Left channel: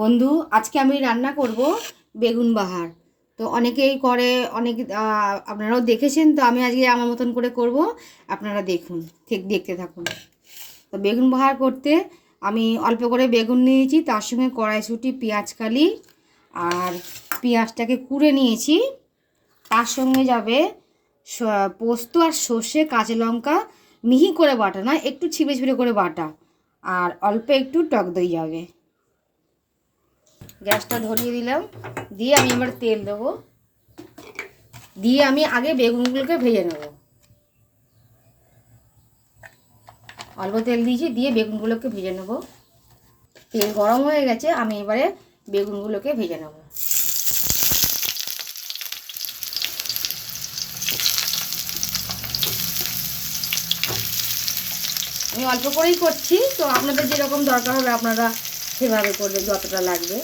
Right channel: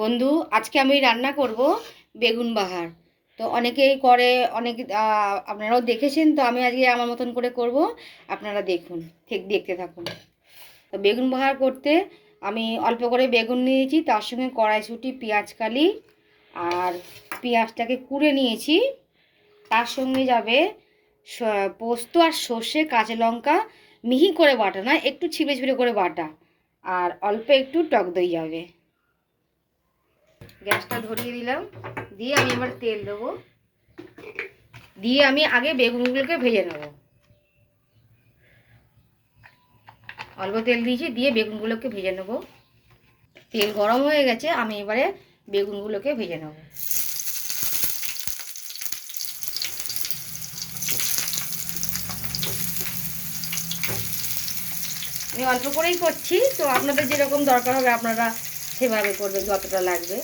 বন্ধু, আজকে আমি রান্না করব বেগুন বাহার। তো অনেকেই করে, অনেক আপনারাও দেখেছেন, তো আমি আজকে আমার মতন করে করব। আপনারা দেখুন, ঠিক দেখতে থাকুন। তো বেগুন বাহার করতে আমি অল্প করে বেগুন নিয়েছি, তার সঙ্গে কড়াইশুঁটি, পেঁয়াজ কালি আর পেঁয়াজটাকে কুড়ে নিয়েছি। তার সঙ্গে যাবে পোস্ত আর সর্ষে, কাঁচা লঙ্কা, মিহি করে বাটা, না, একটু ছিপে ছিপে করে বাটা। আর অল্প একটু টক দই যাবে। গ্যাসটা ধরিয়ে দিলাম। দিয়ে আমি এবার তেল দেবো। দিয়ে আমি আগে বেগুনগুলোকে ভেজে নেব। অল্প তেল দিয়েছি, দিয়ে বেগুনগুলোকে ভেজে নেব। তেল গরম হয়ে গেছে, আমি এবারে বেগুনগুলোকে ভেজে নেব। আমি অল্প করেই করছি, তো আপনাদের যেরকম দরকার হবে আপনারা সেভাবে করবে যতটা লাগবে।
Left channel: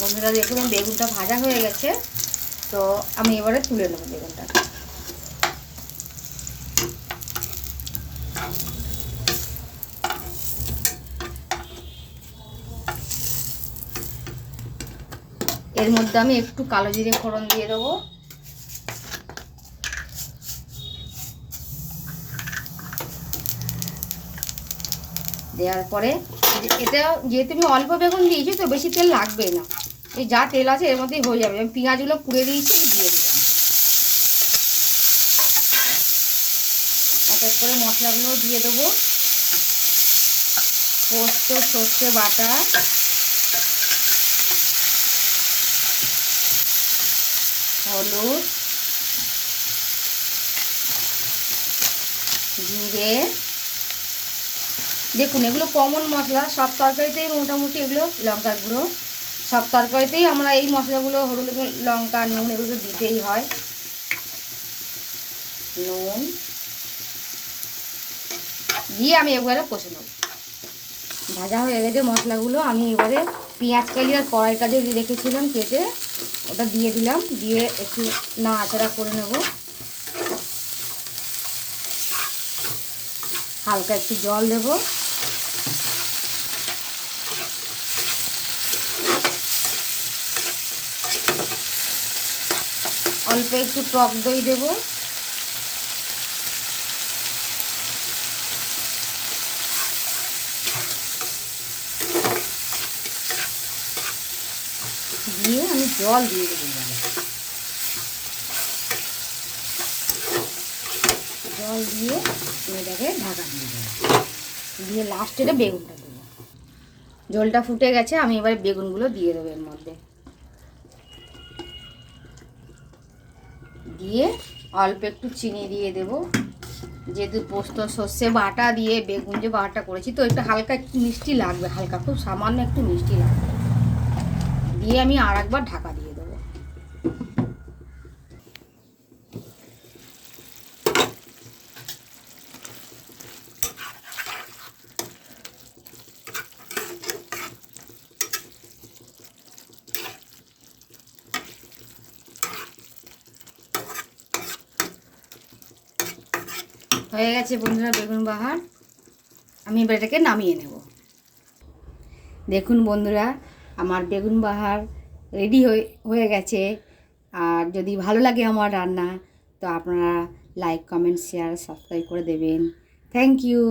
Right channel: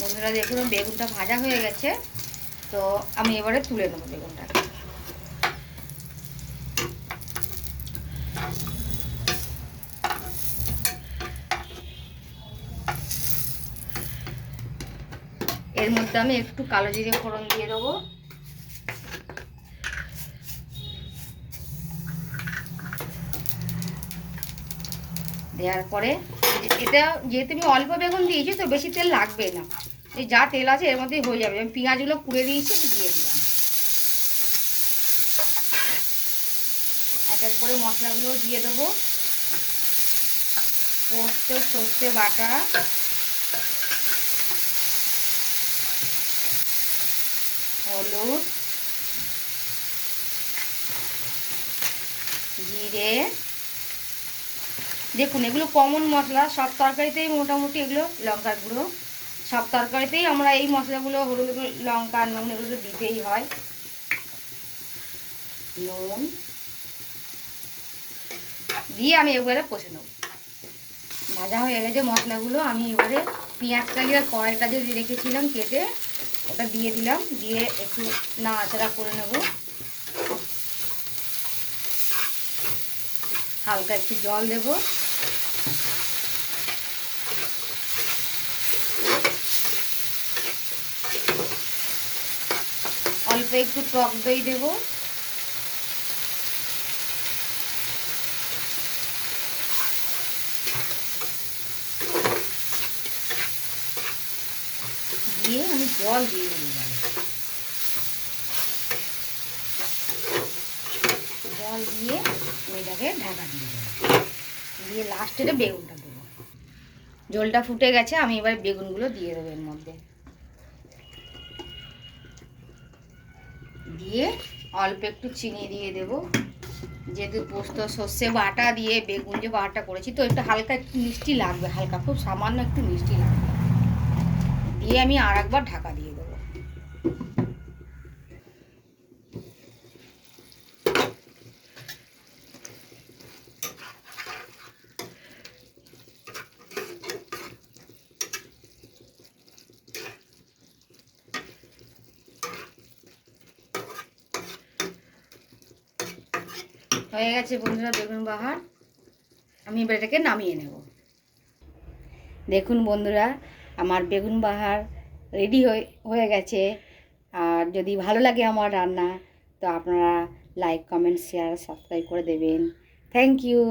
বন্ধুরা দেখুন, বেগুনটা ভাজা হয়ে গেছে। তো আমি এবারে তুলে নেব বেগুনটা। এর মধ্যে আমি একটু কালো জিরে ফোড়ন দিয়ে দেবো। দেওয়ার পরে, এটা যেহেতু আমি অল্প বেগুন দিয়েছি, তো বেশি তেল লাগবে না। এই যা তেল আছে এর মধ্যেই হয়ে যাবে। আমি পেঁয়াজগুলো পুড়ে দিয়েছি দিয়ে দিলাম। এক এক করে মশলাগুলো দিয়ে দেবো। পোস্ত, সর্ষে বাটা। হলুদ। জিরে। দেখুন, এগুলো কমন মশলা, সব তরকারিতেই মোটামুটি এগুলো লঙ্কার গুঁড়ো। সব তরকারিতেই আমরা এই মশলাগুলো, হলুদ লঙ্কা, নুন, এগুলো দিতেই হয়। নুন। দিয়ে আমি এবারে কষে নেব। ভাজা হয়ে গেছে মশলাগুলো। আমি এবারে পেঁয়াজ কালি আর কড়াইটা যে রেখেছিলাম কেটে, ওটা দিয়ে দিলাম। দিয়ে একটু নাড়াচাড়া করে নেব। হালকা একটু জল দেব। অল্প একটু টক দই দেব। দিয়ে আমি জল দিয়ে দিলাম জল দিয়ে এটাকে ঢাকা দিয়ে দেবো। দিয়ে লাস্টে বেগুনটা দেবো। জলটা ফুটে গেছে, আমি এবার বেগুনগুলো দিয়ে দেবো এর মধ্যে। দিয়ে অল্প একটু চিনি দিয়ে দেবো। যেহেতু পোস্ত, সর্ষে বাটা দিয়ে, বেগুন যে বাটা করেছি, তো একটু হালকা একটু মিষ্টি লাগবে, হালকা, খুব সামান্য একটু মিষ্টি লাগবে। দিয়ে আমি আর একবার ঢাকা দিয়ে দেবো হয়ে গেছে বন্ধুরা, বেগুন বাহার। আমি এবার এটাকে নামিয়ে নেব। দেখুন বন্ধুরা, আমার বেগুন বাহার রেডি হয়ে গেছে। আর যদি ভালো লাগে আমার রান্না, তো আপনারা লাইক কমেন্ট শেয়ার সাবস্ক্রাইব করে দেবেন। Thank you